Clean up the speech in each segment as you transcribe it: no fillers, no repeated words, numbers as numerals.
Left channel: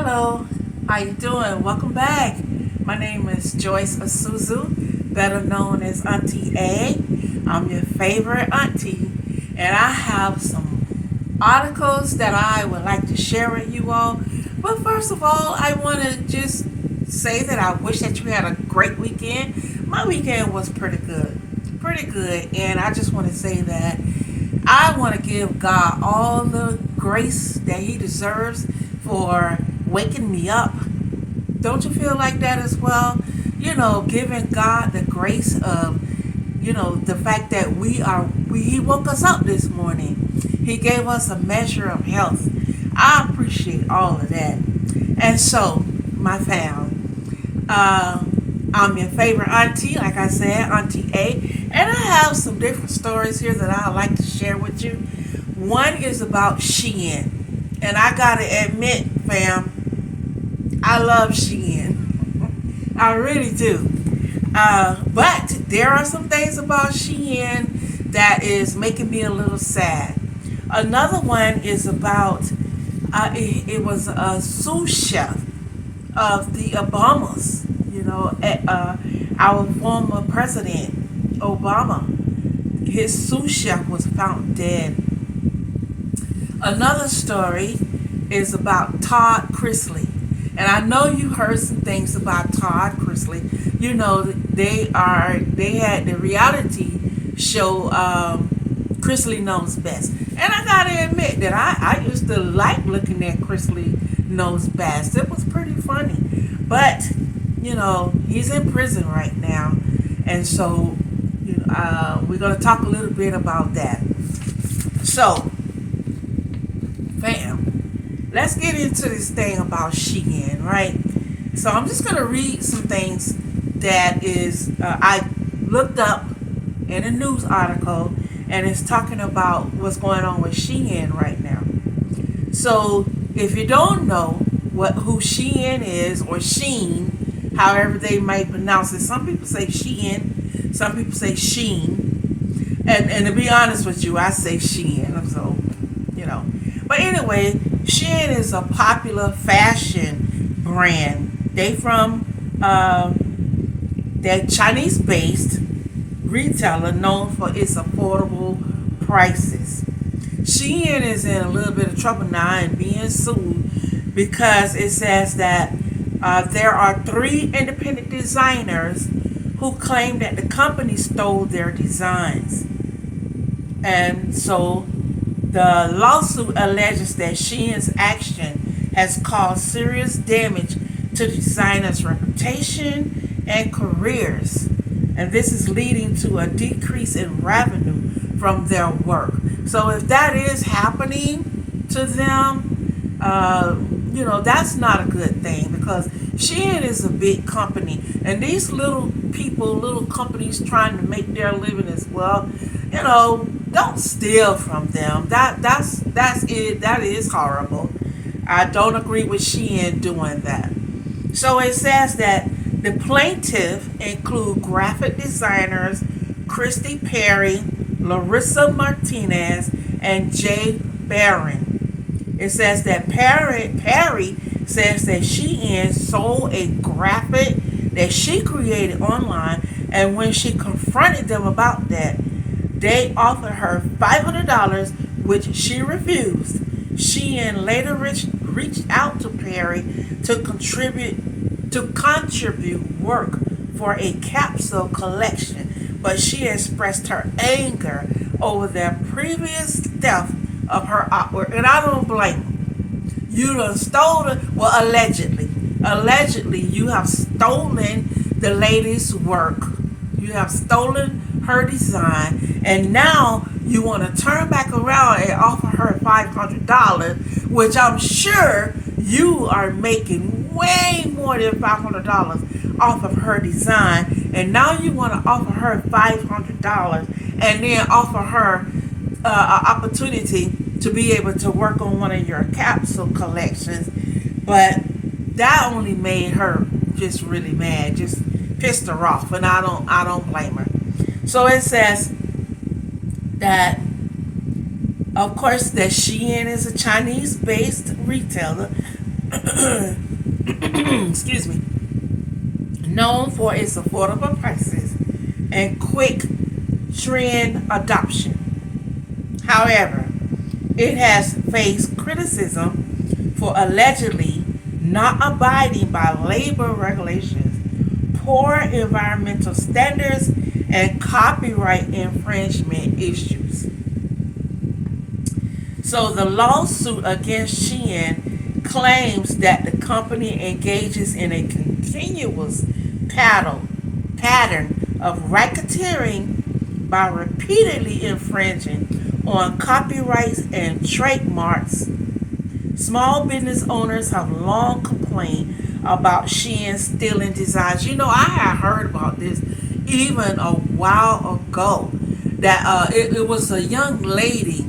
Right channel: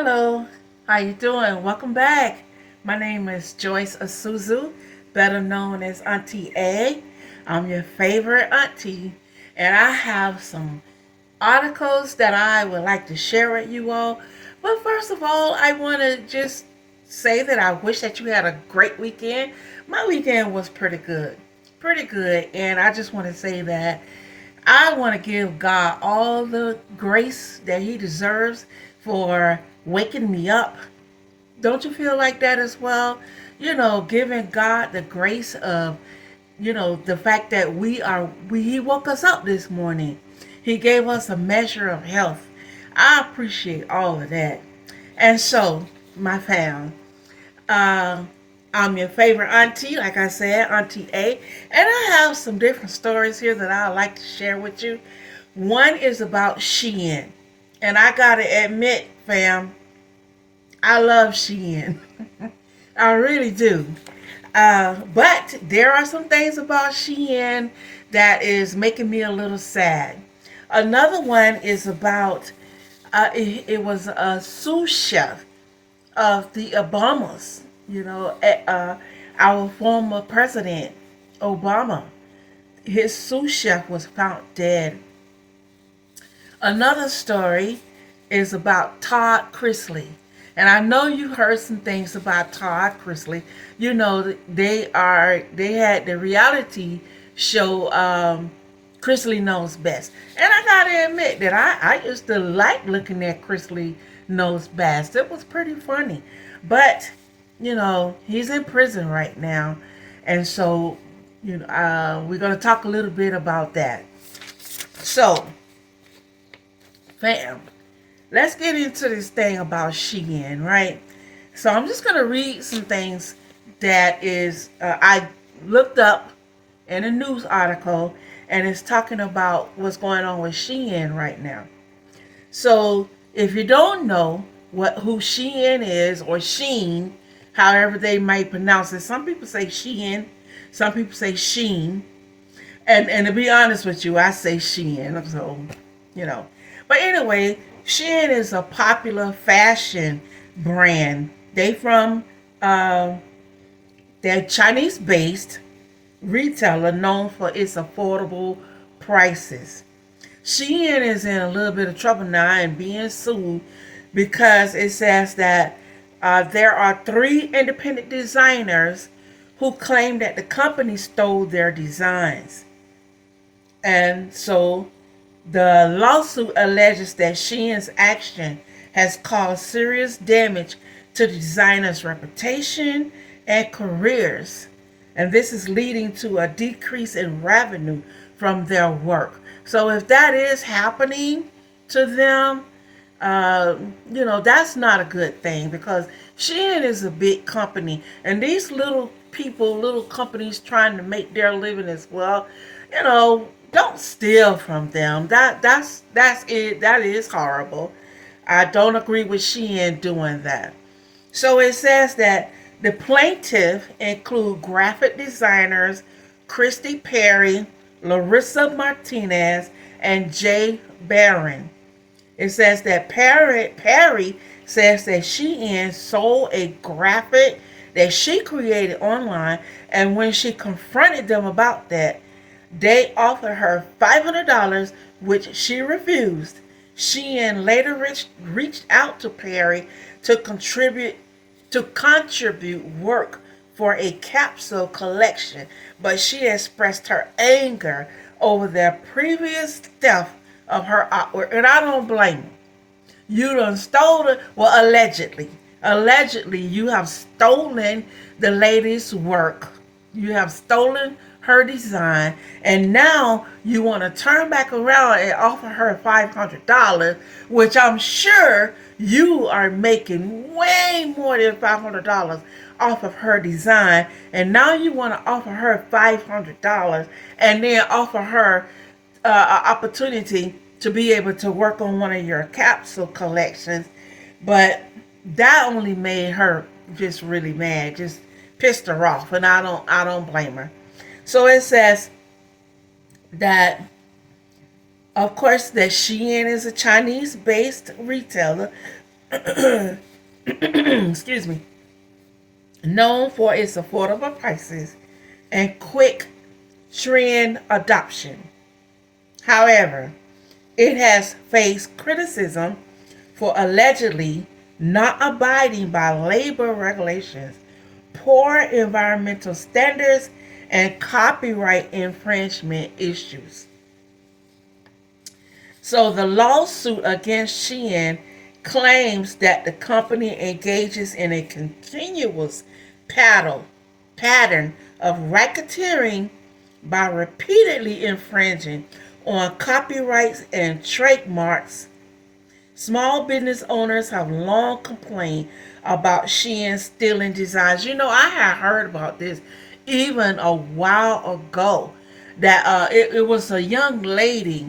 Hello, how you doing? Welcome back. My name is Joyce Asuzu, better known as Auntie A. I'm your favorite auntie, and I have some articles that I would like to share with you all. But first of all, I want to just say that I wish that you had a great weekend. My weekend was pretty good, and I just want to say that I want to give God all the grace that He deserves for waking me up. Don't you feel like that as well? Giving God the grace of, the fact that He woke us up this morning. He gave us a measure of health. I appreciate all of that. And so, my fam, I'm your favorite auntie, like I said, Auntie A. And I have some different stories here that I'd like to share with you. One is about Shein. And I gotta admit, fam, I love Shein. I really do. But there are some things about Shein that is making me a little sad. Another one is about it was a sous chef of the Obamas. Our former president Obama. His sous chef was found dead. Another story is about Todd Chrisley. And I know you heard some things about Todd Chrisley. They had the reality show Chrisley Knows Best. And I gotta admit that I used to like looking at Chrisley Knows Best. It was pretty funny. But, he's in prison right now. And so, we're gonna talk a little bit about that. So, fam, let's get into this thing about Shein, right? So I'm just gonna read some things that is I looked up in a news article, and it's talking about what's going on with Shein right now. So if you don't know who Shein is, or Shein, however they might pronounce it, some people say Shein, some people say Shein, and to be honest with you, I say Shein. So but anyway, Shein is a popular fashion brand. They're Chinese-based retailer known for its affordable prices. Shein is in a little bit of trouble now and being sued because it says that there are 3 independent designers who claim that the company stole their designs. And so the lawsuit alleges that Shein's action has caused serious damage to designers' reputation and careers, and this is leading to a decrease in revenue from their work. So if that is happening to them, that's not a good thing, because Shein is a big company, and these little companies trying to make their living as well, don't steal from them. That's it. That is horrible. I don't agree with Shein doing that. So it says that the plaintiff include graphic designers Christy Perry, Larissa Martinez, and Jay Barron. It says that Perry says that Shein sold a graphic that she created online, and when she confronted them about that, they offered her $500, which she refused. Shein later reached out to Perry to contribute work for a capsule collection, but she expressed her anger over their previous theft of her artwork, and I don't blame her. You done stole it. Well, allegedly, you have stolen the lady's work. You have stolen her design, and now you want to turn back around and offer her $500, which I'm sure you are making way more than $500 off of her design, and now you want to offer her $500 and then offer her an opportunity to be able to work on one of your capsule collections. But that only made her just really mad, just pissed her off, and I don't blame her. So it says that, of course, that Shein is a Chinese-based retailer excuse me, known for its affordable prices and quick trend adoption. However, it has faced criticism for allegedly not abiding by labor regulations, poor environmental standards, and copyright infringement issues. So the lawsuit against Shein claims that the company engages in a continuous pattern of racketeering by repeatedly infringing on copyrights and trademarks. Small business owners have long complained about Shein stealing designs. You know, I had heard about this even a while ago. That it was a young lady.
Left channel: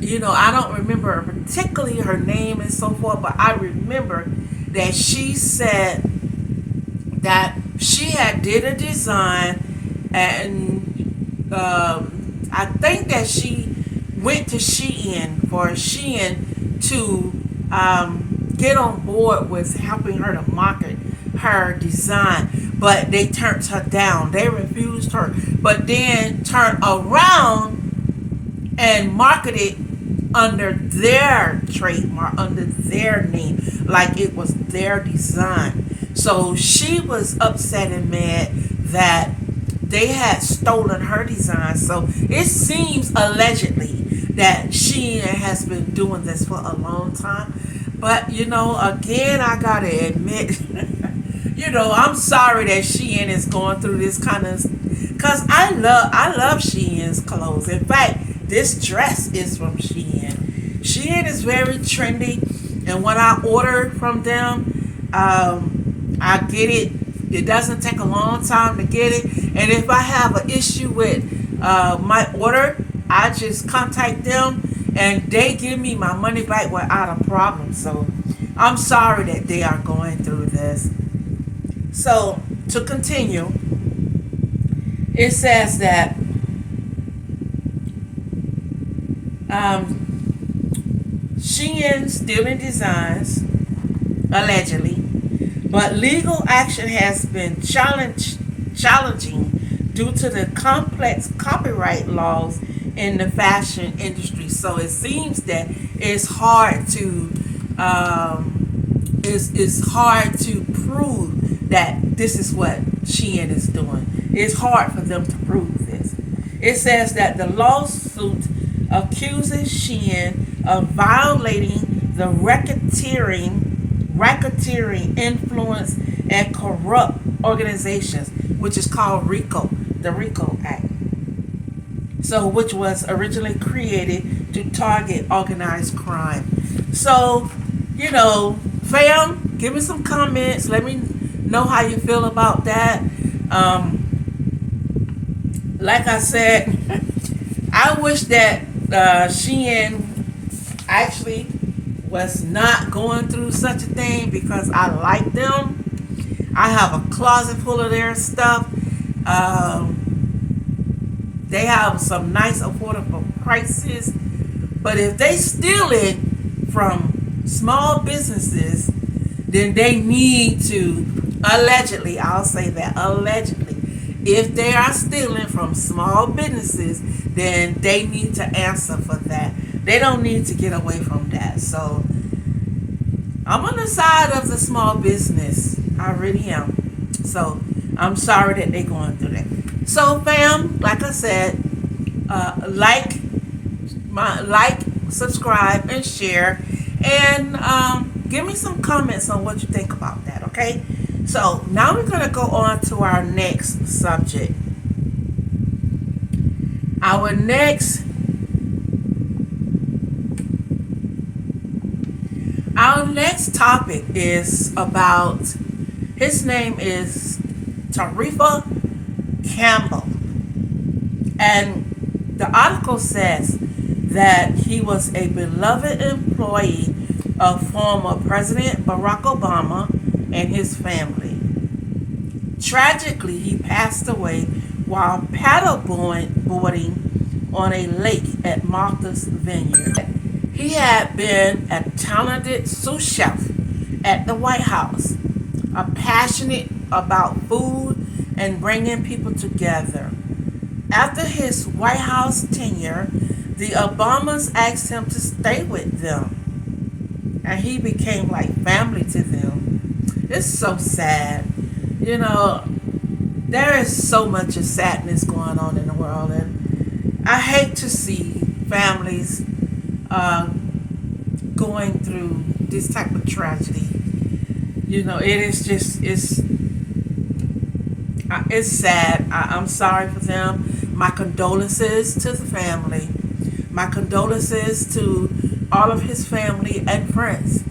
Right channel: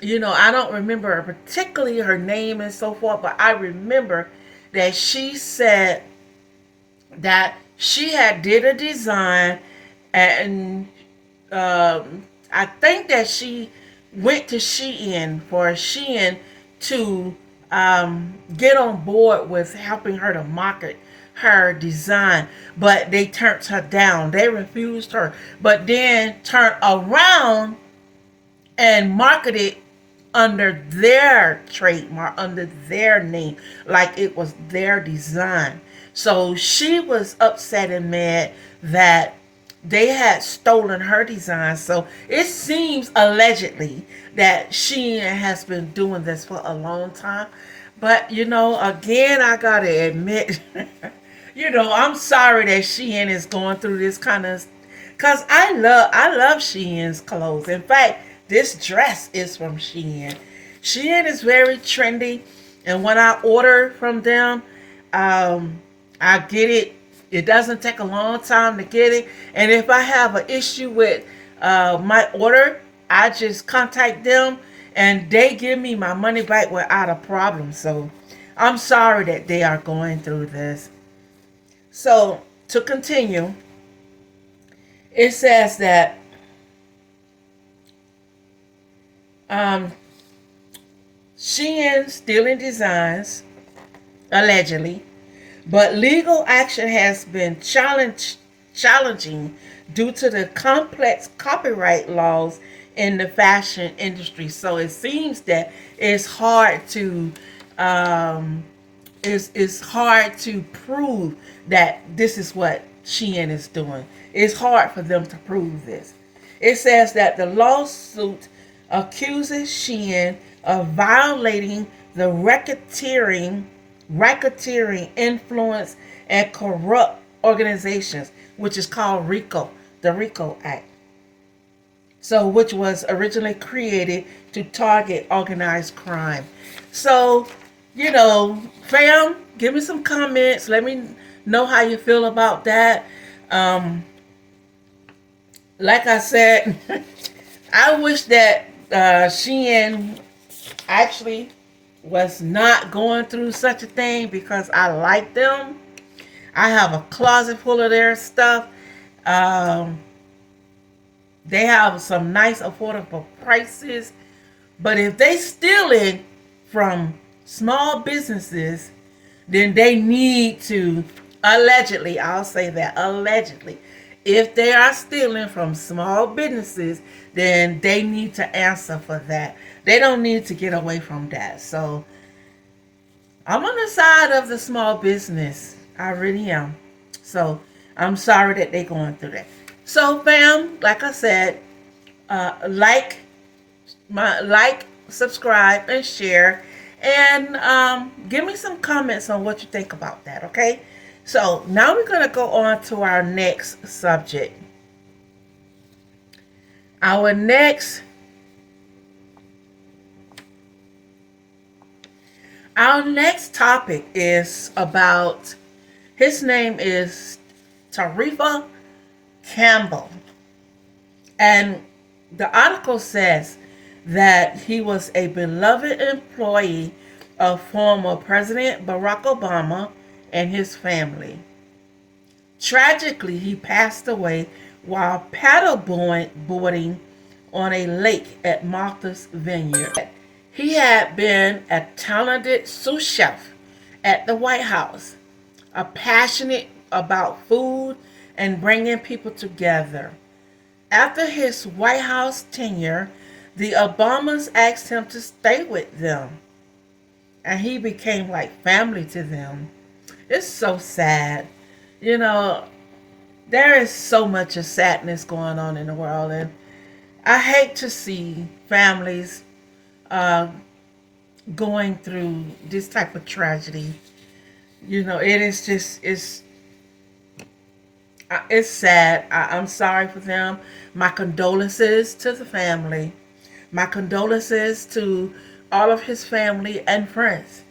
You know, I don't remember particularly her name and so forth, but I remember that she said that she had did a design, and I think that she went to Shein for Shein to get on board with helping her to market her design, but they turned her down. They refused her, but then turned around and marketed under their trademark, under their name, like it was their design. So she was upset and mad that they had stolen her design. So it seems allegedly that Shein has been doing this for a long time. But you know, again, I gotta admit, you know, I'm sorry that Shein is going through this kind of, cause I love Shein's clothes. In fact, this dress is from Shein. Shein is very trendy, and when I order from them, I get it. It doesn't take a long time to get it, and if I have an issue with my order, I just contact them, and they give me my money back without a problem. So I'm sorry that they are going through this. So to continue, it says that Shein stealing designs, allegedly, but legal action has been challenging due to the complex copyright laws in the fashion industry. So it seems that it's hard to it's hard to prove that this is what Shein is doing. It's hard for them to prove this. It says that the lawsuit accuses Shein of violating the racketeering influence and corrupt organizations, which is called RICO, the RICO Act. So, which was originally created to target organized crime. So, you know, fam, give me some comments. Let me know how you feel about that. Like I said, I wish that Shein actually was not going through such a thing, because I like them. I have a closet full of their stuff. They have some nice affordable prices, but if they steal it from small businesses, then they need to, allegedly, I'll say that, allegedly, if they are stealing from small businesses, then they need to answer for that. They don't need to get away from that. So I'm on the side of the small business. I really am. So I'm sorry that they're going through that. So fam, like I said, like, subscribe, and share, and give me some comments on what you think about that. Okay. So now we're gonna go on to our next subject. Our next topic is about, his name is Tarifa Campbell. And the article says that he was a beloved employee of former President Barack Obama and his family. Tragically, he passed away while paddleboarding on a lake at Martha's Vineyard. He had been a talented sous chef at the White House, are passionate about food and bringing people together. After his White House tenure, the Obamas asked him to stay with them, and he became like family to them. It's so sad. You know, there is so much of sadness going on in the world, and I hate to see families uh, going through this type of tragedy. You know, it is just it's sad. I'm sorry for them. My condolences to the family. My condolences to all of his family and friends.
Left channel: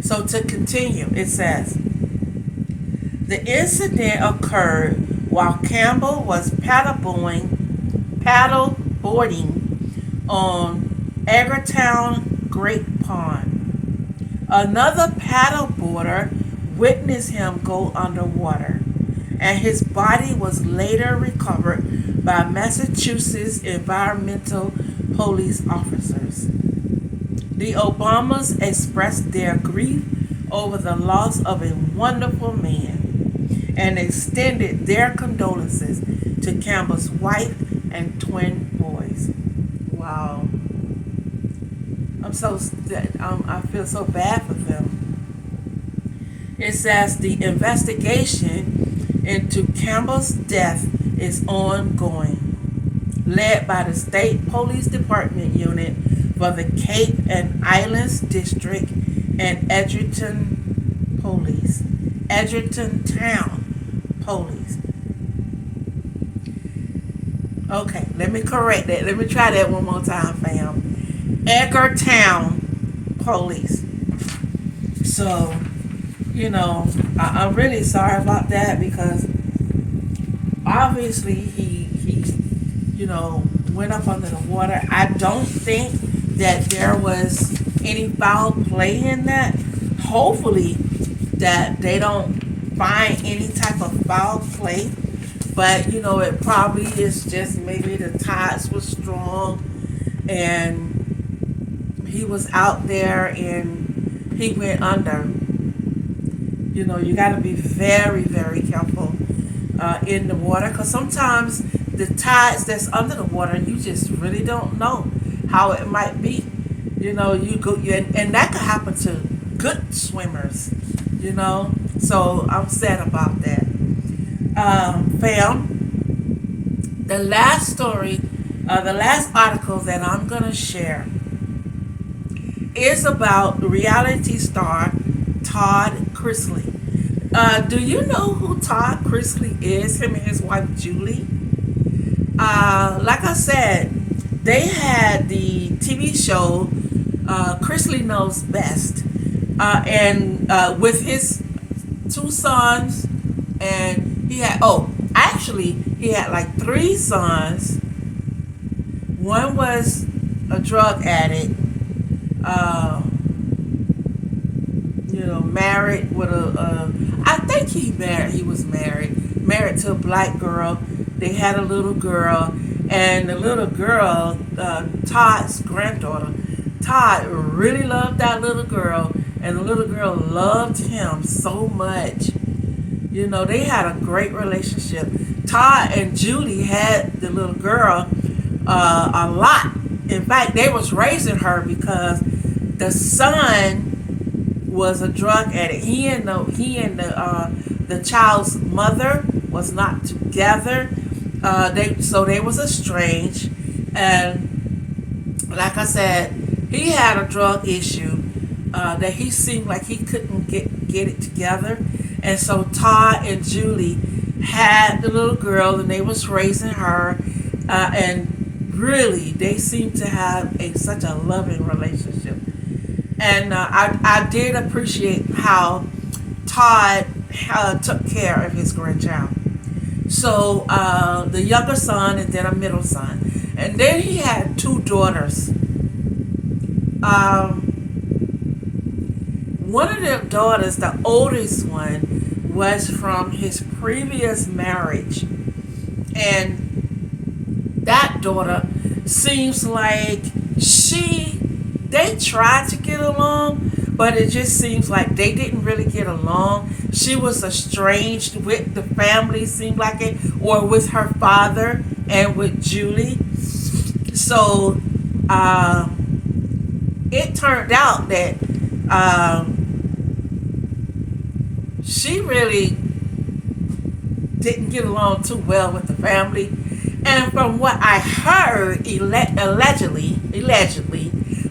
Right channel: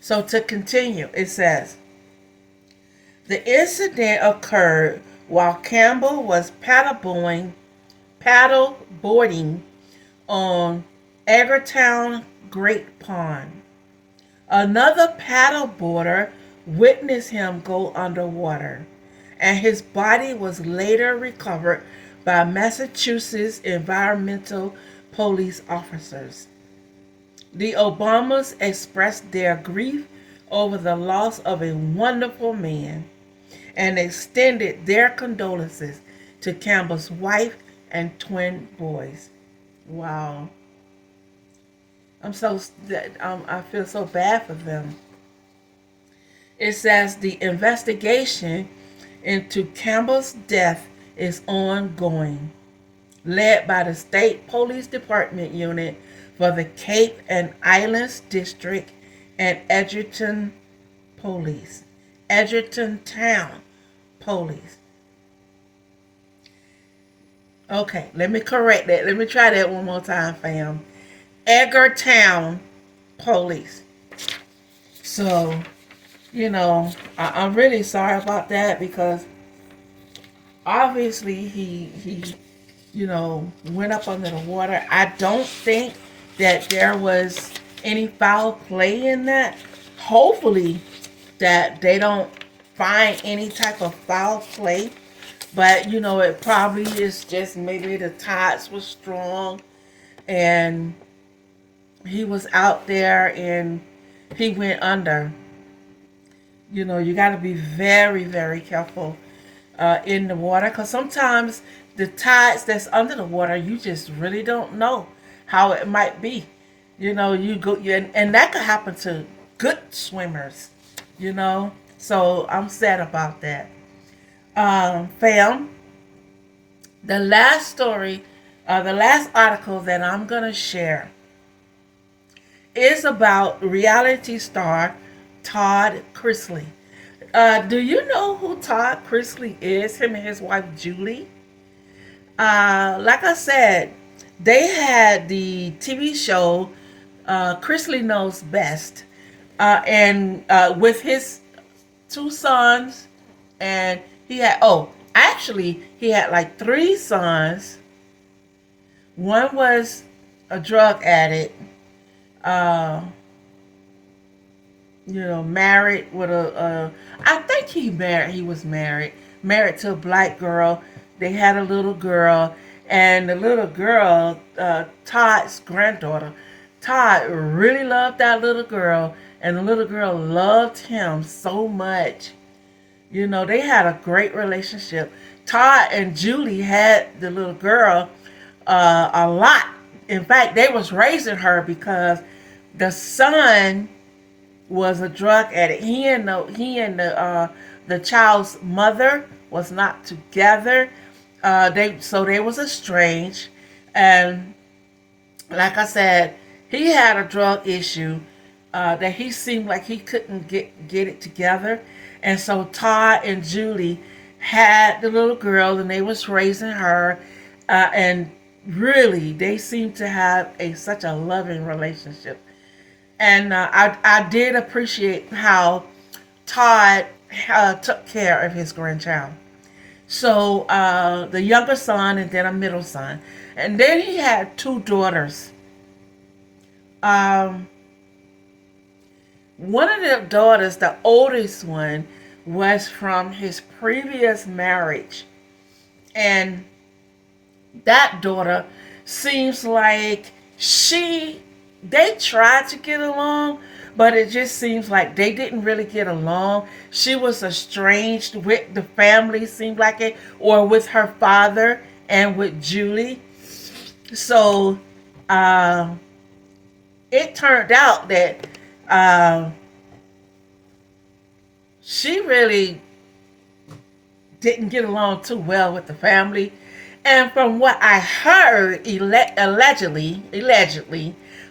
So to continue, it says, the incident occurred while Campbell was paddle boarding on Edgartown Great Pond. Another paddle boarder witnessed him go underwater, and his body was later recovered by Massachusetts environmental police officers. The Obamas expressed their grief over the loss of a wonderful man and extended their condolences to Campbell's wife and twin boys. Wow. I feel so bad for them. It says the investigation into Campbell's death is ongoing, led by the State Police Department Unit for the Cape and Islands District and Edgerton Police. Edgerton Town Police. Okay, let me correct that. Let me try that one more time, fam. Edgartown Police. So, you know, I'm really sorry about that, because obviously he you know, went up under the water. I don't think that there was any foul play in that. Hopefully that they don't find any type of foul play. But, you know, it probably is just maybe the tides were strong and he was out there and he went under. You know, you got to be very, very careful in the water, because sometimes the tides that's under the water, you just really don't know how it might be. You know, and that could happen to good swimmers, you know. So I'm sad about that. Fam, the last story, the last article that I'm going to share is about reality star Todd Chrisley. Do you know who Todd Chrisley is? Him and his wife Julie. Like I said, they had the TV show Chrisley Knows Best, and with his two sons, and he had he had like three sons. One was a drug addict, you know, married with I think he was married to a black girl. They had a little girl, and the little girl, Todd's granddaughter, Todd really loved that little girl, and the little girl loved him so much. You know, they had a great relationship. Todd and Julie had the little girl a lot. In fact, they was raising her because the son was a drug addict. He and the child's mother was not together. They was estranged, and like I said, he had a drug issue that he seemed like he couldn't get it together, and so Todd and Julie had the little girl, and they was raising her, and really they seemed to have such a loving relationship, and I did appreciate how Todd took care of his grandchild. So the younger son and then a middle son. And then he had two daughters. One of the daughters, the oldest one, was from his previous marriage. And that daughter seems like they tried to get along, but it just seems like they didn't really get along. She was estranged with the family, seemed like it, or with her father and with Julie. So it turned out that she really didn't get along too well with the family. And from what I heard, allegedly,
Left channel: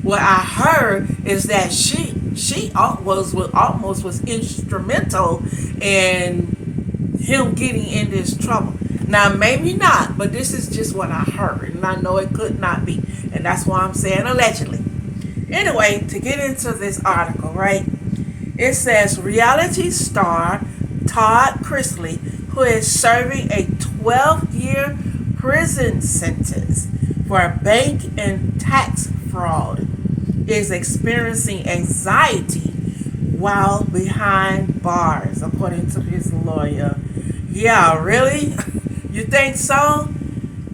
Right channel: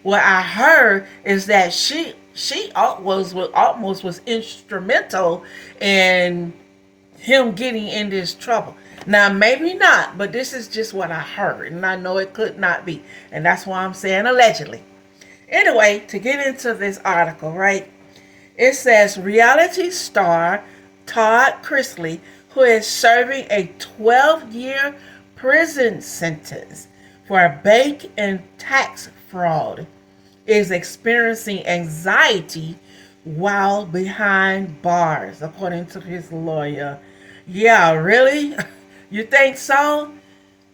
what I heard is that she almost was instrumental in him getting in this trouble. Now, maybe not, but this is just what I heard, and I know it could not be, and that's why I'm saying allegedly. Anyway, to get into this article, right? It says reality star Todd Chrisley, who is serving a 12-year prison sentence for bank and tax fraud, is experiencing anxiety while behind bars, according to his lawyer. Yeah, really? You think so?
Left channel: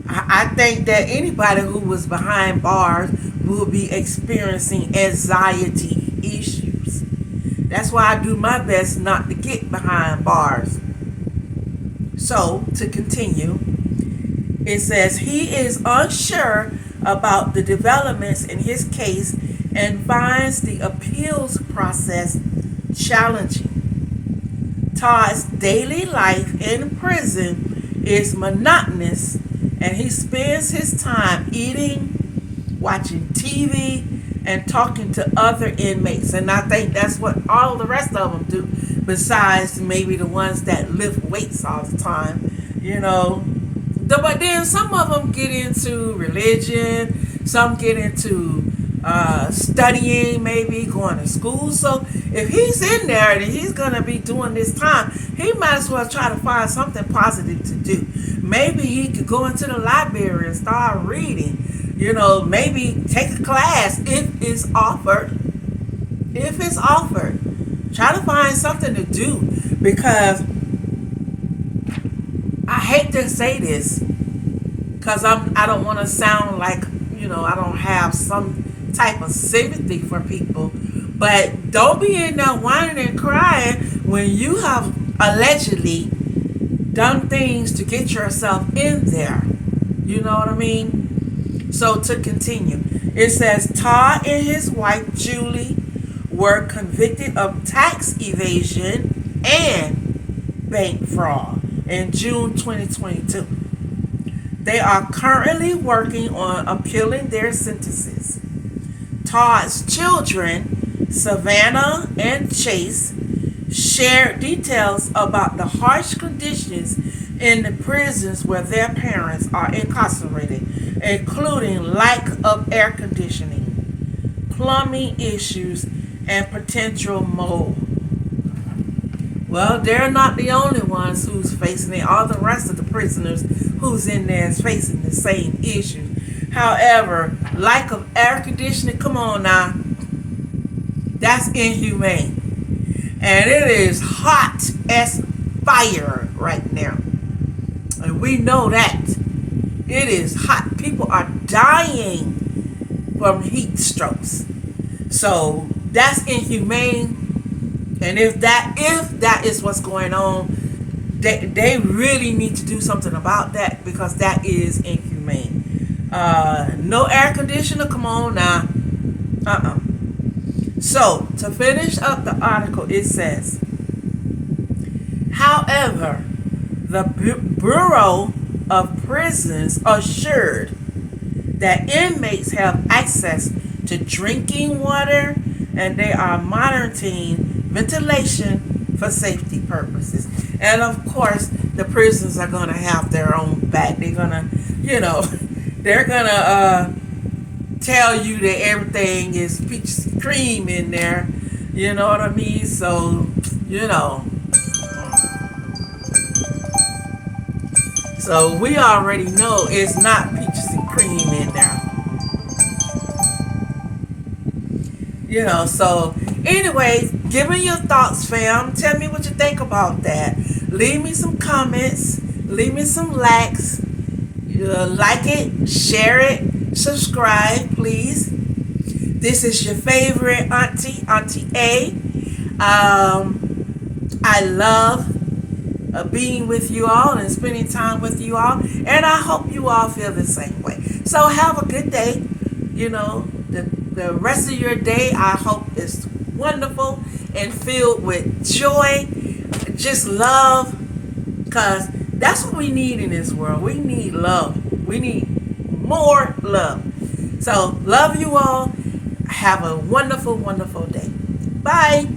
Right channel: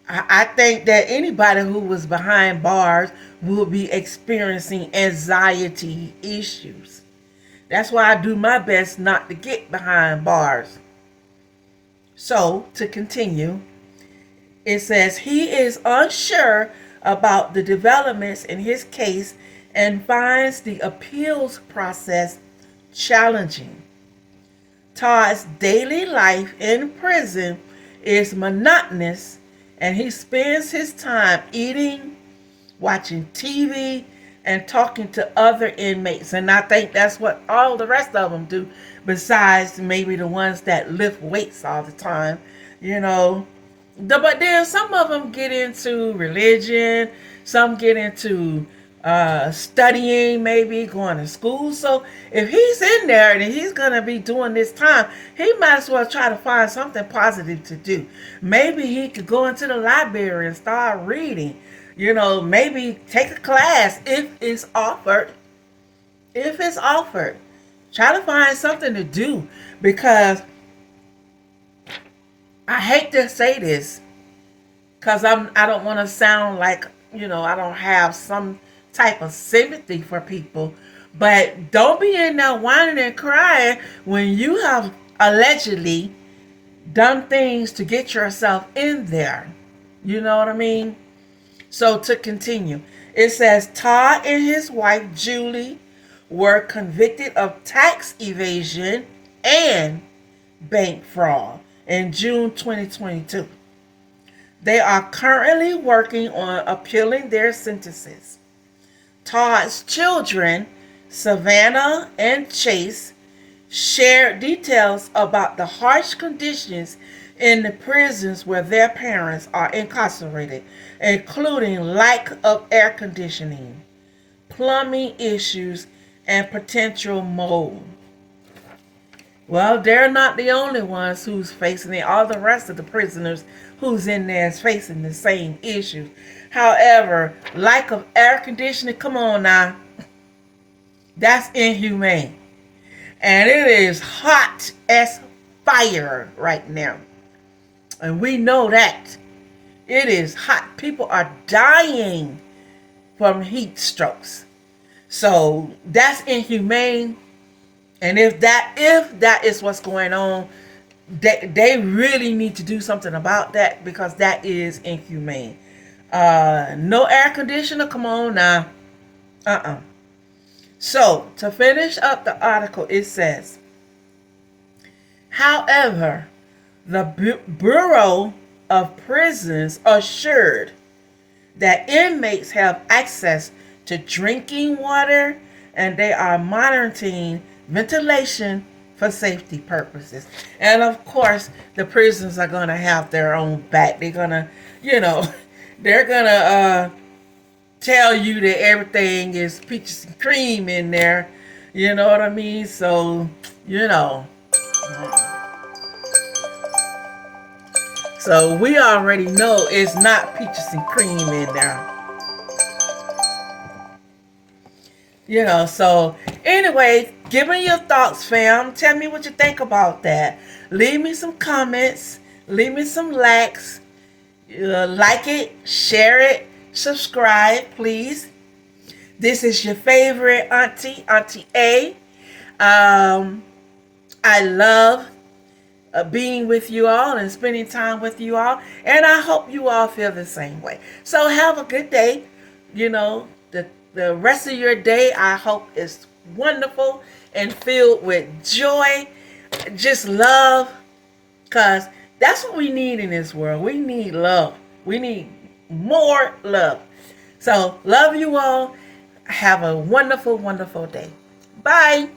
I think that anybody who was behind bars will be experiencing anxiety issues. That's why I do my best not to get behind bars. So, to continue, it says he is unsure about the developments in his case and finds the appeals process challenging. Todd's daily life in prison is monotonous, and he spends his time eating, watching TV, and talking to other inmates. And I think that's what all the rest of them do, besides maybe the ones that lift weights all the time, you know. But then some of them get into religion, some get into studying, maybe going to school. So if he's in there and he's going to be doing this time, he might as well try to find something positive to do. Maybe he could go into the library and start reading. You know, maybe take a class if it's offered. If it's offered. Try to find something to do, because I hate to say this, because I don't want to sound like, you know, I don't have some type of sympathy for people, but don't be in there whining and crying when you have allegedly done things to get yourself in there. You know what I mean? So to continue, it says Todd and his wife Julie were convicted of tax evasion and bank fraud in June 2022. They are currently working on appealing their sentences. Todd's children, Savannah and Chase, shared details about the harsh conditions in the prisons where their parents are incarcerated, including lack of air conditioning, plumbing issues, and potential mold. Well, they're not the only ones who's facing it. All the rest of the prisoners who's in there is facing the same issues. However, lack of air conditioning, come on now, that's inhumane. And it is hot as fire right now. And we know that. It is hot. People are dying from heat strokes. So that's inhumane. And if that is what's going on, they really need to do something about that, because that is inhumane. No air conditioner, come on now. So, to finish up the article, it says, however, the Bureau of Prisons assured that inmates have access to drinking water, and they are monitoring ventilation for safety purposes. And of course, the prisons are going to have their own back. They're going to, they're going to tell you that everything is peaches and cream in there. You know what I mean? So, So we already know it's not peaches and cream in there. So anyway, give me your thoughts, fam. Tell me what you think about that. Leave me some comments. Leave me some likes. Like it, share it, subscribe, please. This is your favorite auntie, Auntie A. I love being with you all and spending time with you all. And I hope you all feel the same way. So have a good day. You know, the rest of your day, I hope is wonderful and filled with joy, just love, because that's what we need in this world. We need love. We need more love. So love you all. Have a wonderful, wonderful day. Bye.